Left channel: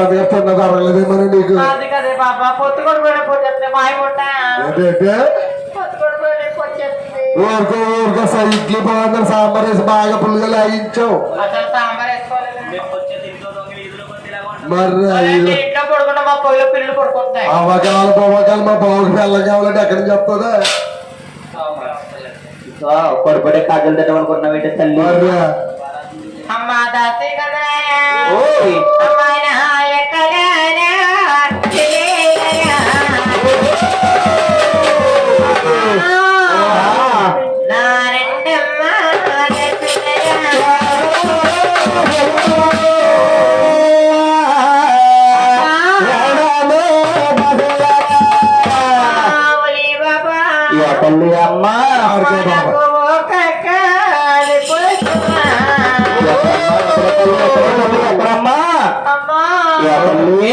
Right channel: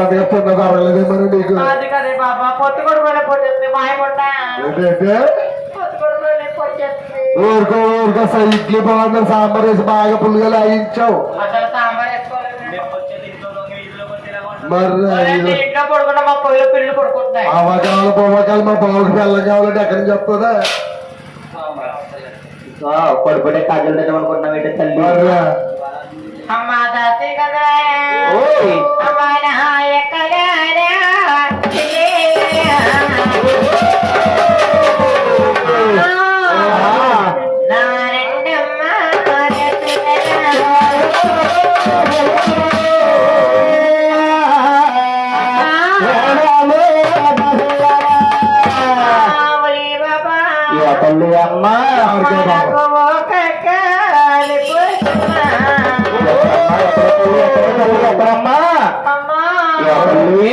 అది తిన్న దొరకలేదేమో నీకు. ఊరికో ఊరికో ఇడ్లీ బాగుందని సాంబార్ వేసి బాగా పుల్లిగా లాగించావు మరి ఇంట్లో పడుకుంటే మా బాబుకి బెల్లం కావాలంటే ఎక్కడి నుంచి వస్తుందా పడిపడే కాజలు ఏంటి తల్లి? మరి. అమ్మ దాసి కదా. తల్లి అమ్మ. ఎక్కడమ్మా. తల్లి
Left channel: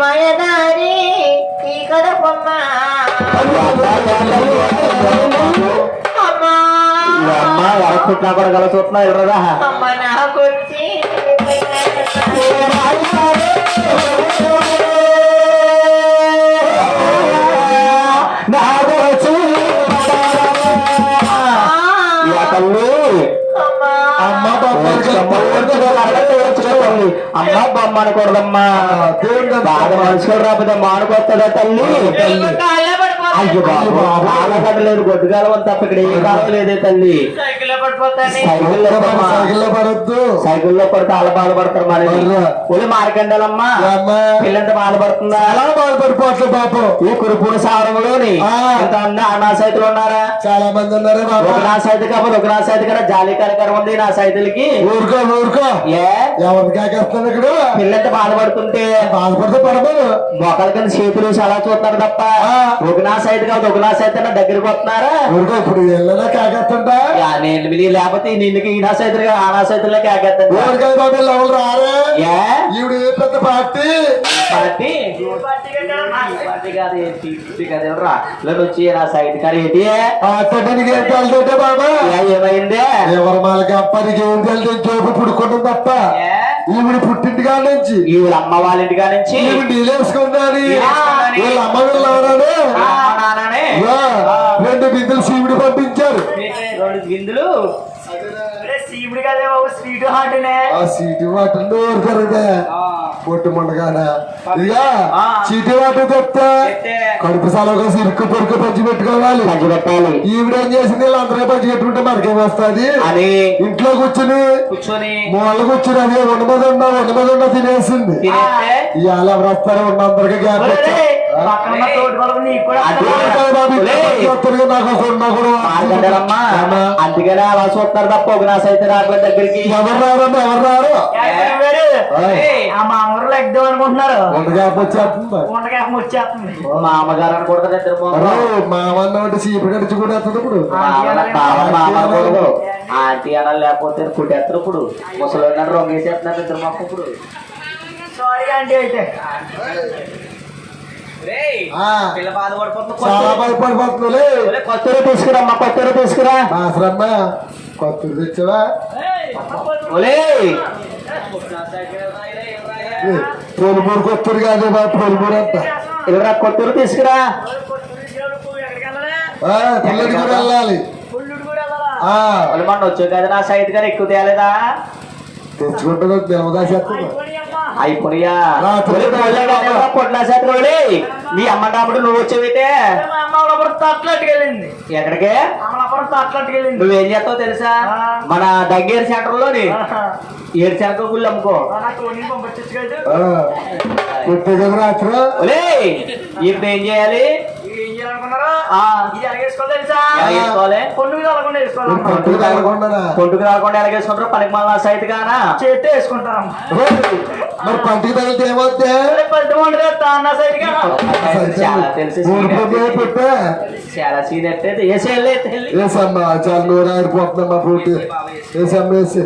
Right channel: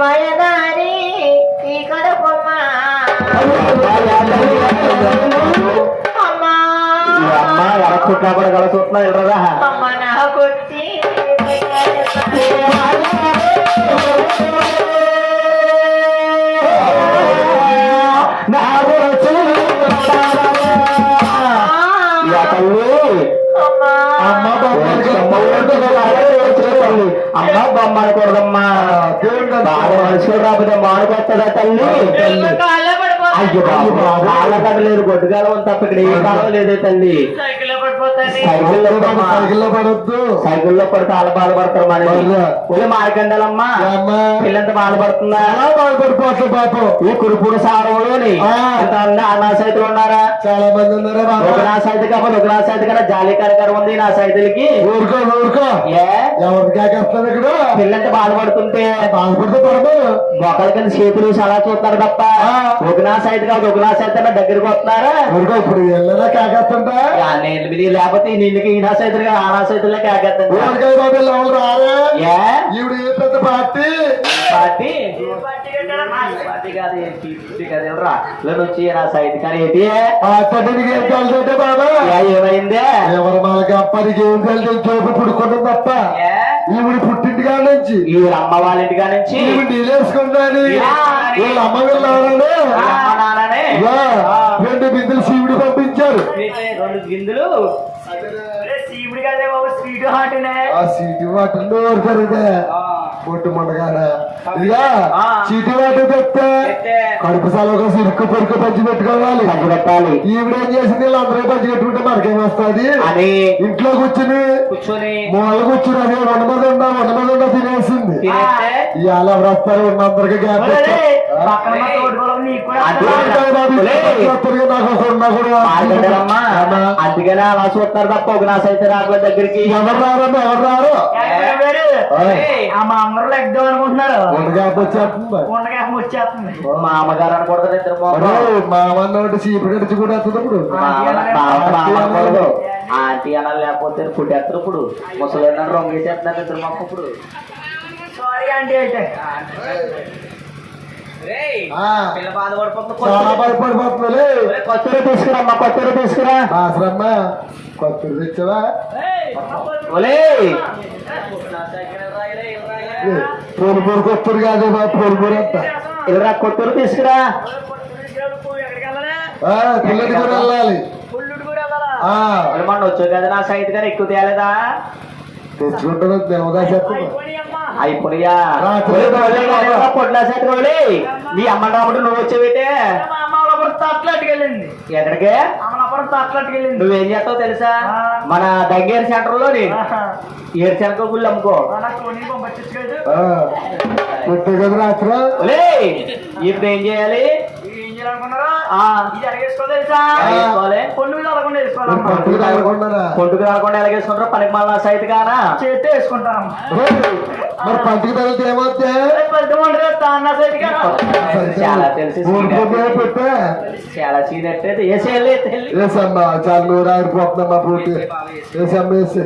మయదారి ఈ కడపమ్మ అమ్మా. కలిసి వస్తున్నా ఎర్రదా తల్లి. అమ్మా. అమ్మ బొమ్మలకి అమ్మ. బొమ్మ అనకూడదమ్మా బాగా మనుషులు రాకపోతే మానుకొస్తాడా తల్లి? అయ్యో పడిపోతాను బాబు బాగా కదలేదు గొడ్డు కాలం తప్ప ఇక్కడ ఏ కాలం లేదే తల్లి. సైకిల్లో పడమ్మా. సైకిల్లో పడొద్దు. సైకిల్లో పడితే అలా బాధపడతారు మరి. అయ్యో. ఒళ్ళు మారకండాలమ్మా అమ్మా. పిల్లంత బాధపడుతుందా? చాలా బాధపడిపోతుంది పాపం. ఈ కురుపూర సారంలోని. ఇంత అంద నా సైతులు ఉన్నారా? చాలా మంది ఉన్నారా ఒక నా సైతు కాకపోతే ఒక నా సైతు కదా జాలి కరకరం ఉంది నా సైతులకి. ఊరుకో ఊరుకో. ఏ? ఇక్కడ? పిల్లంత బాధపడుతుంటే బాధపడితే పడదు. మొక్కల కింద చేతులు అలా చూస్తారు తప్ప. సైతు కాదు ఒక సైతు అన్న దగ్గరికి వస్తున్నారా? ఊరుకో ఇప్పుడు వెళ్ళదా కాకేస్తుంటా నేను లేకపోతే నిన్నుకి ఈ నా సైతులు ఆ నా సైతులే కాకెత్తండి. ఊరికే బాబా ఎవరు రారే? ఏ ఈవిడ ఏ పెద్ద పార్టీ? పార్టీ? ఏమైందే? ఎవరు మనకి ఏం పుడుకుంటుంది తప్ప? ఈవిడ పుట్టింటి కాడ నుంచి. ఈ వీళ్ళ అమ్మ వాళ్ళ ఇంటికా నుంచి. ఈవిడ నీలేసుకున్నాని నీలేసుకున్నాని. వీళ్ళ అమ్మ వీళ్ళు నాన్ననే రెండు బిందులు శివుడి పంపించారు. రెండు గిందులు శివుడి కదే బాబు స్వీట్ హార్ట్నే. ఆ సీటు వాటర్ ఓడిపోయిందే పొట్టు ముండగాన. ఇక ఆ. చీటి వాటర్ చెప్తే. కడుపు సలగా సిరుకు పొరుకు పంచి పెట్టుకోవాలి. పంచి పెట్టాలి. ఈవిడేం చేసింది? వీళ్ళందరూ పంచి పెట్టుకుంటే మనకేం వస్తుంది? అని ఇంట్లో కూర్చుని కూర్చొని. మూల కూర్చుని అదే ఉండమదండ ఉండమదండ తినేసింది. ఇవాళ ఎవరు వస్తారు ఉన్నందరికి గ్యాప్ అందుకనే అలా చూస్తారు తప్ప ఒక నా సైతం రాబోయే దగ్గరికి. ఎవరు రారమ్మా ఎవరు రారు? ఏయ్, ఆ మా అమ్మరు ఎగ్దాం అనుకుంటున్నారు. ఉండ గ్యాప్ వచ్చేస్తుంది ఉండగా ముచ్చేస్తుంది మా అమ్మగారు అనకూడదు ఇద్దరు మొహం. అరే మామన్న ఒకటి చీపు గడిచి కూడా వస్తుంది ఆంటీ అనాలి లేకపోతే కుట్టేస్తారు ఇప్పుడు. ముసలి ఉన్నాడు రొంగేసేస్తున్నారు ఇద్దరు మొక్క ఇప్పుడు. సారీ ఆంటీ అయితే. చాలా భయపడిపోతుంది. తీసుకురమ్మా కొత్తగా తీసుకురా. బాసరమ్మ కొత్త తెచ్చవా ఒలే పోలు పోరు కొత్తది కాదు పోలు పోరు అంతా. ఇలా కొత్తూరు తీసుకురా? కూడా వెళ్ళాలి. మొన్న వచ్చావు కదా నా సైట్ కానీ ఎక్కువ తేలేదా? కొట్టిన సెట్ రోడి మీ అమ్మ నువ్వు తప్పలెట్టుకెళ్ళింది ఎక్కడికే? నువ్వేం చేస్తావు తెలుసా? మన దగ్గర సెంటర్లోని ఏడు సెంటర్ గుళ్ళు అమ్ముకో. ఇప్పుడు ఏం చేయాలి? పట్టుకు రాకుండా ఎలాగేసుకుంటారు పనికి మళ్ళా సైట్ కానా చేస్తే వేసుకుంటాం మరి పంటికి తగిలితే ఏమవుతే చాలా తెలిసి చాలా సీన్ చాలా నూరు వేసమ్మ వేసి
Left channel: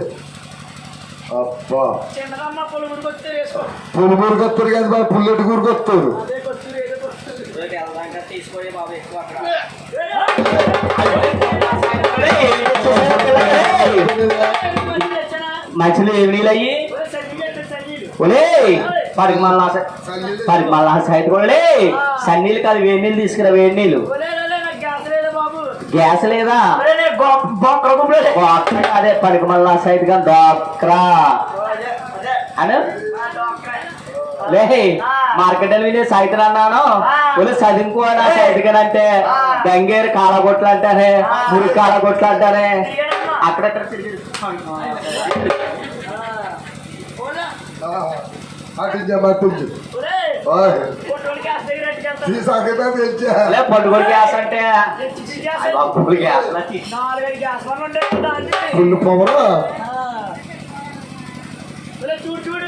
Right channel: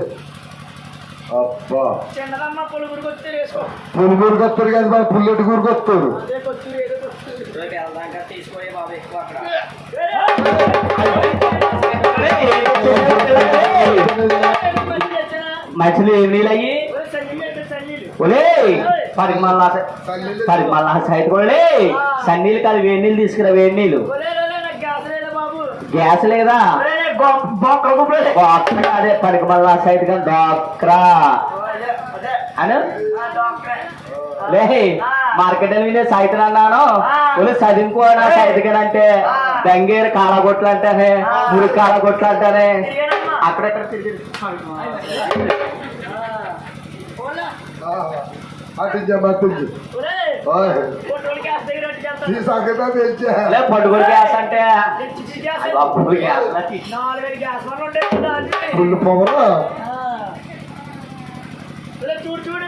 వస్తారు పుల్లటి గురికి వస్తారు. మంచిది నీళ్ళు అయ్యి. ఒలే పరికి మళ్ళా పరికి మళ్ళా సైట్ కొలే సన్నీళ్ళు కాదు వేడి నీళ్ళు తీసుకురా వేడి నీళ్ళు. గ్యాస్ లేదా? డాక్టర్ అదే పరికి మళ్ళా సైట్ కానీ డాక్రా. అను? లే మార్కెట్ వినే సైట్ అన్నాను ఒలే చదువుకో నా సైట్ అంటే దంగేరు కాలగొట్లు అంటారే మురి కాలగొట్లు అంటారే అక్కడెక్కడ తిరిగి అటించమ్మా అటించు తీసాకైతే తెచ్చా లే పండుగ గ్యాస్ అంటే అప్పుడు గ్యాస్ నాలుగైదు గ్యాస్ బండ్లు ఉంటాయి దానికి. ఫుల్ పవర్ ఆ. ఒరే చూడు చూడు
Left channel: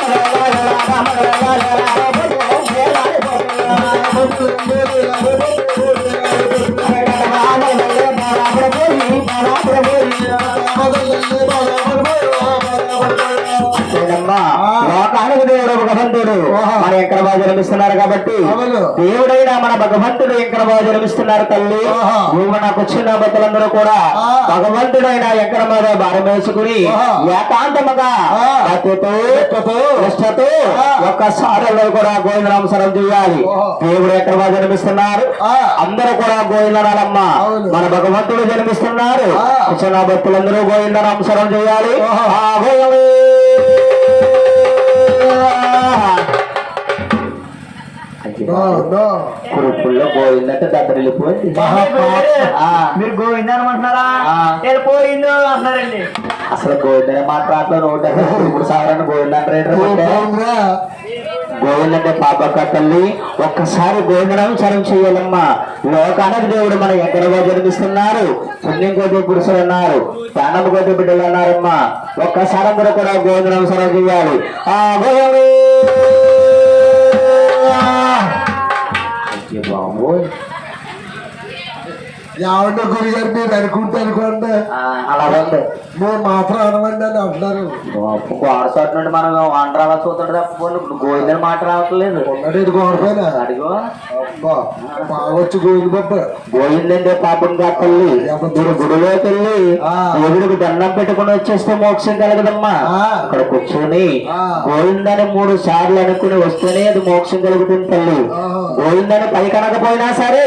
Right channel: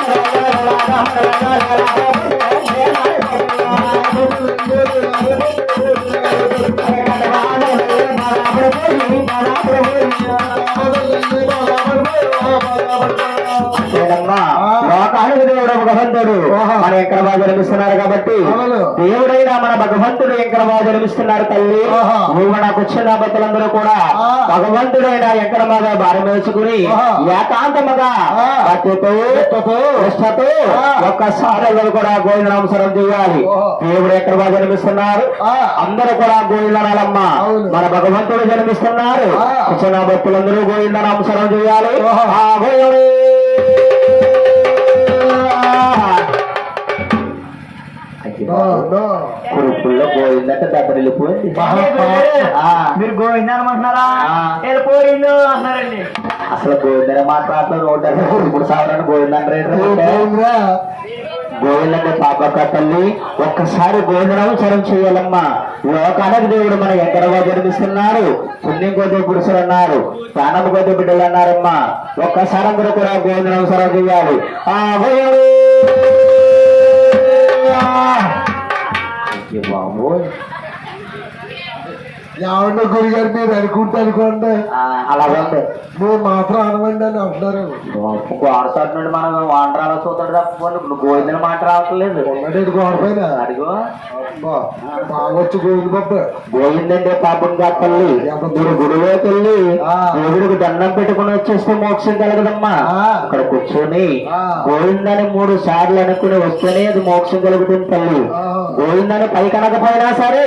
భగవంతుడు బాగా జన్మిస్తున్నారు తల్లి. నువ్వు నాకు వచ్చిన భక్తులందరూ కూడా. భగవంతుడైన మీద భారం వేసుకుని. ఏకాంతముగా. ఒక్కసారి అందరూ కూడా గోవిందనామసరం చేయాలి ఓహో. దేవుడు ఎక్కడ బాగా జన్మిస్తున్నారు. అందరూ కూడా గోవిందనాలమ్మ. మన భగవంతుడు జన్మిస్తున్నారు. వచ్చిన భక్తులందరూ గోవిందనామసరం చేయాలి కురుపుల్లో గోవిందంటే దగ్గర వెళ్ళిపోయింది. మీరు గోవింద. వెళ్ళిపోయిందో అంటున్నారండి అసలు గోవిందనే మాట్లాడతారు నూట మూడు సార్లు గోవిందంటే గోవిందంటే పాపక్క తల్లి ఒక్కసారి గోవిందనామసరం చేయాలమ్మా. లోకానికి దేవుడు మన ఎక్కడగా జన్మిస్తున్నారు? పుణ్యం కొద్ది పురుషులు అన్నారు. ప్రాణం కొద్ది బిడ్డలు అన్నారమ్మా. ఒక్కసారి అందరూ కూడా గోవిందనామసరం చేయాలి. ఆ గోవింద బాబోయ్ ఎవరినో గురిగారు మీరు అనుకుంటే అనుకోండి. అలా ఉంది నువ్వు మాత్రం అనవండి అని అంటున్నారు. గోడసోటి నుండి మనం వాన రావాల్సి అవుతుంది తప్ప గోవిందని మాట రావట్లేదు. ఉన్నది గోడపైన అడిగో అబ్బా బాగొచ్చు పప్పు. గోవిందంటే పాపం తల్లి. మీరు గుడిలోకి వెళ్ళి ఆ. దేవుడికి దండం పెట్టుకుని వచ్చేస్తే మోక్షం కలగదమ్మా. ఆ. అక్కడ కూర్చొని. గోవిందని మూడు సార్లు అనుకుని వస్తేనే అది మోక్షం కలుగుతుంది తల్లి. ఆ. గోవిందని పై కనకపోయినా సరే.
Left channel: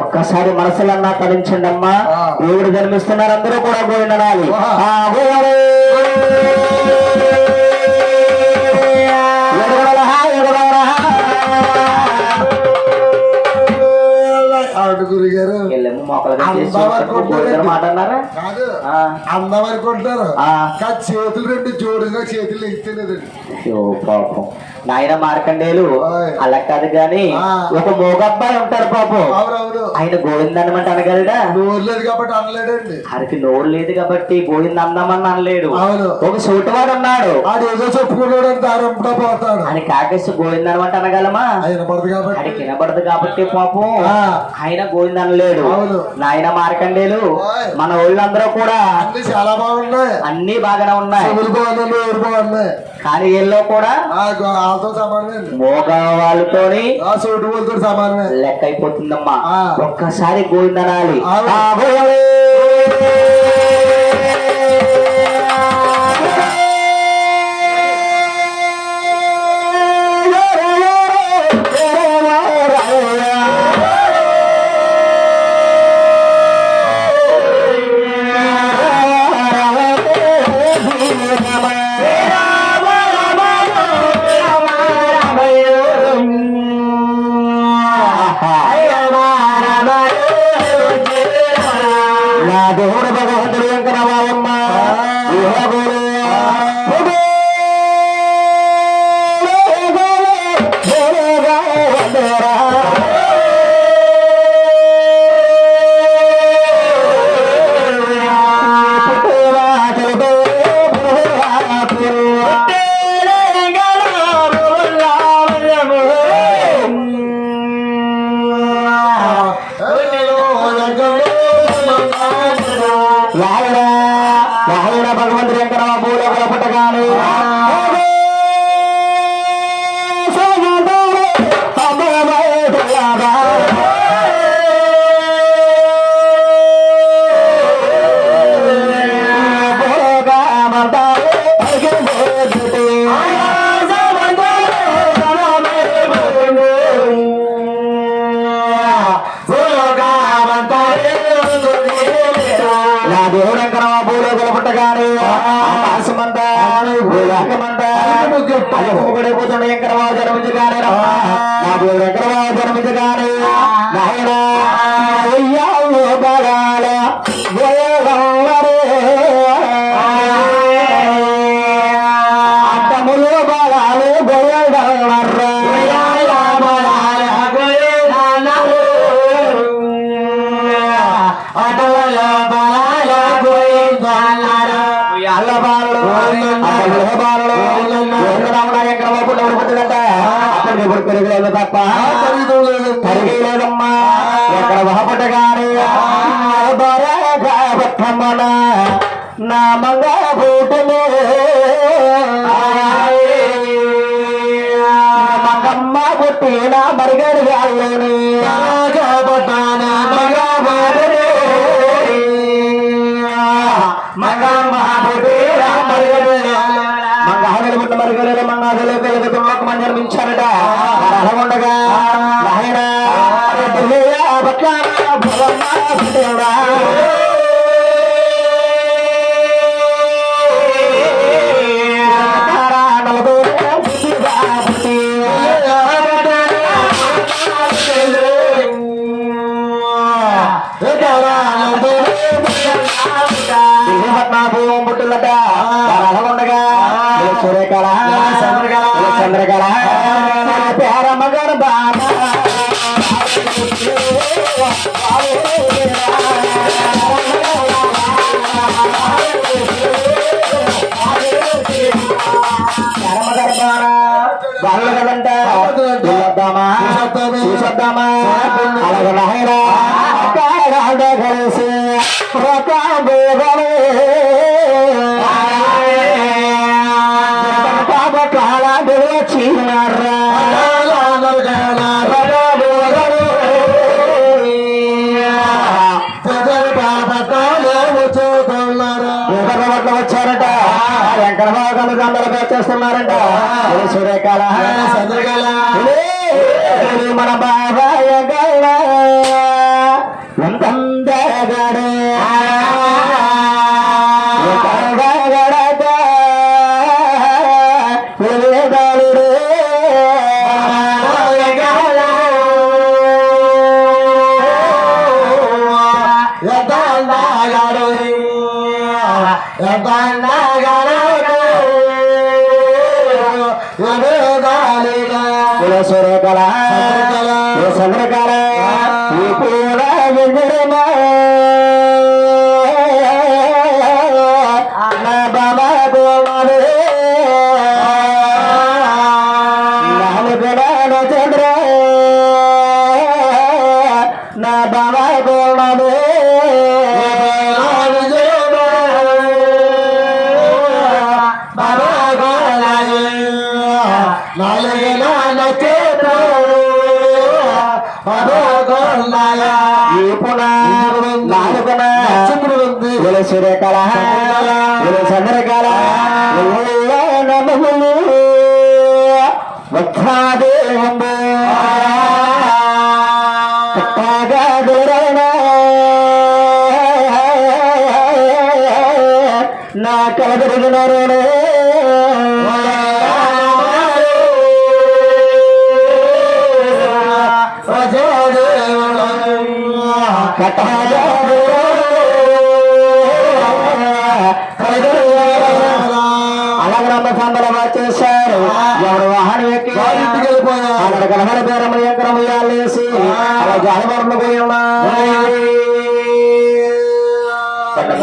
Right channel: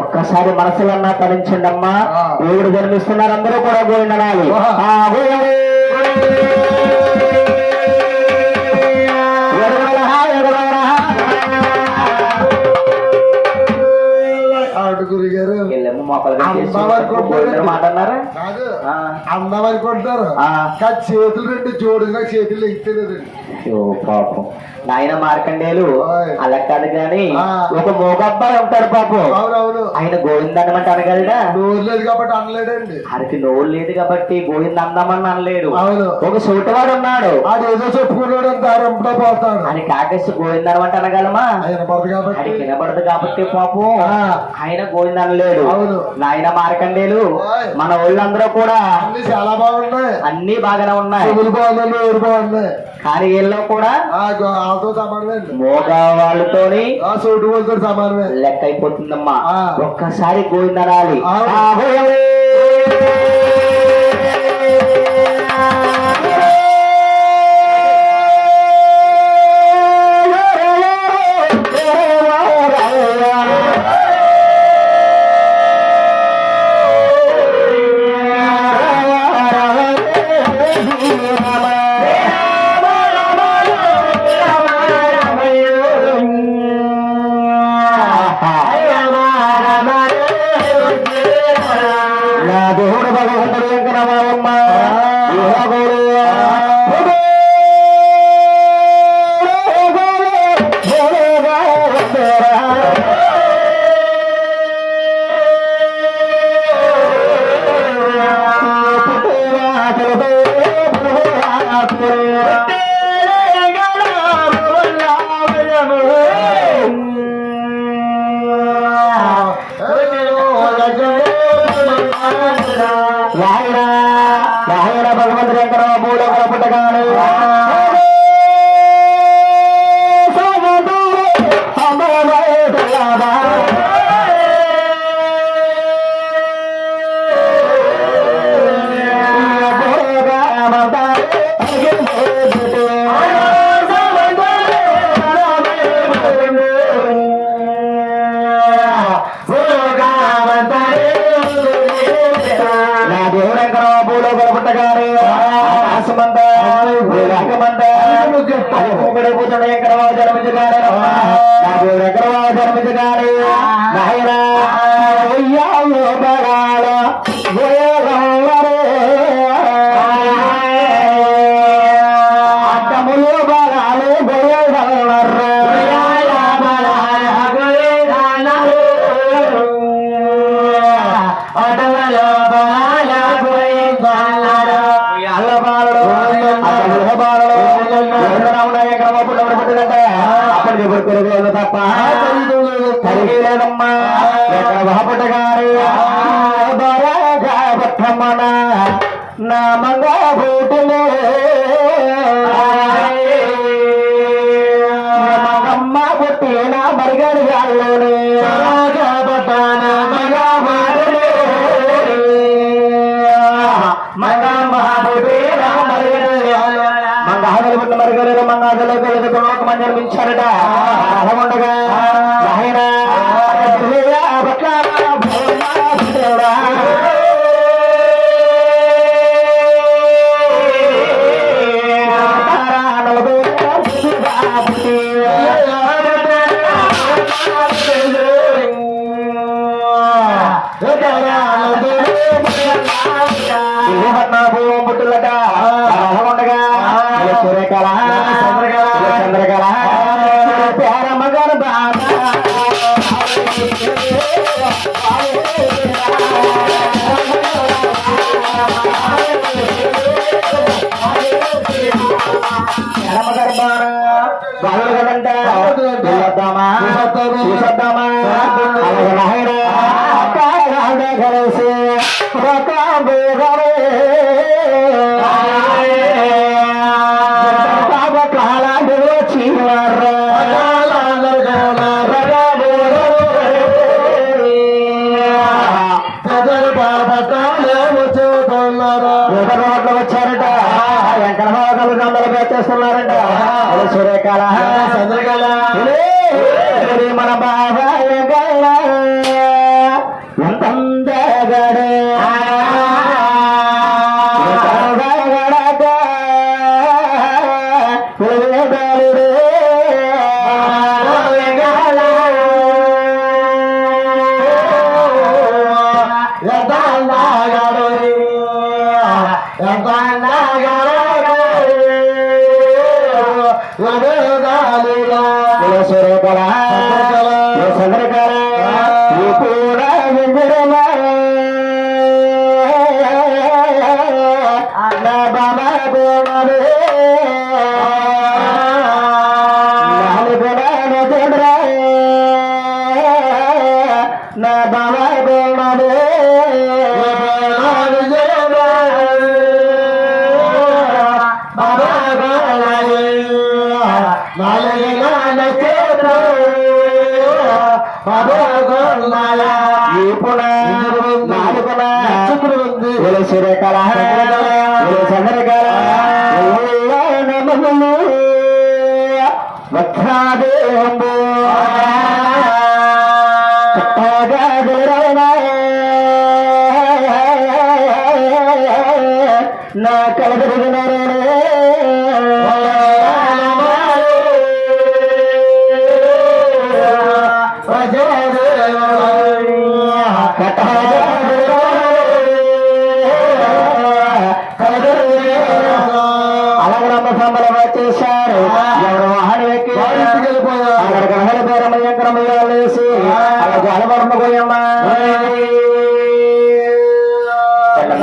ఒక్కసారి మనసులన్నా తరించండి అమ్మా. దేవుడు జన్మిస్తున్నారు అందరూ కూడా గోవిందనాలి. ఆ. ఆ, అందం. కానీ చేతులు రెండు జోడుగా చేతులు ఎత్తలేదండి అయ్యో పాపం. నాయన మార్కండేయులు ఓయ్. అలా కాదు గాని ఆ. ఒక మోగబ్బాయి ఉంటాడు పాపం. అవునవును. ఆయన గోవిందన్నమాట అనగలడా? నోరు లేదు కాబట్టి అనలేడండి. ఆయనకి నోరు లేదు కాబట్టి గోవింద అందమని అనలేడు. అవును. ఒక సూటవాడు ఉన్నాడు. ఆడు ఏదో చెప్పుకున్నాడు దారి అప్పుడే పోతాడు. ఆయన కాకేసి గోవిందనమాట అనగలమా? ఆయన పడదు కాబట్టి. ఆయన కాబట్టి పాపం. ఆయన గోవింద అనలేడు. అవును. నాయన మార్కండేలు. మన ఊళ్ళందరూ కూడా చాలా బాగున్నాయి. అన్ని బాగానే ఉన్నాయి? కానీ వీళ్ళలో కూడా ఆ గో- వాళ్ళతో సమానమే లెక్క అయిపోతుందమ్మా. ఒక్కసారి గోవిందనాలి Sabda Ma. Alagala வந்தகடே వచ్చేసారు ఎవరు వాహనం ఎక్కి వారింటికి వెళ్ళిపోయారు. అక్కడ కనబడి పేరమ్మ ఎక్కడ వేసి జలవర్మ పోయమ్మా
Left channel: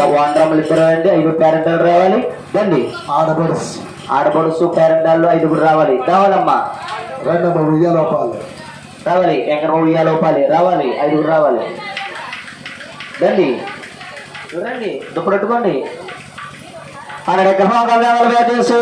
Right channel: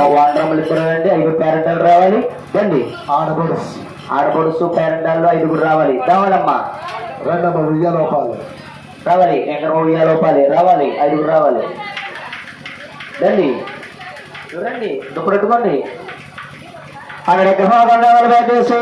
వాండ్రములు ఇద్దరు అండి ఐదు పేరెంటాలు రావాలి. దండి ఆడబడుసు ఆడపడుసు పేరెంటాల్లో ఐదుగురు రావాలి. రావాలమ్మా. రెండమ్మ ఉయ్యలోపాలు. రావాలి. ఎక్కడ ఉయ్యాలి లోపాలి రావాలి. ఐదుగురు రావాలి. రండి. చూడండి దుప్పడెట్టుకోండి అక్కడ ఎక్కడ జాలు పెట్టేసి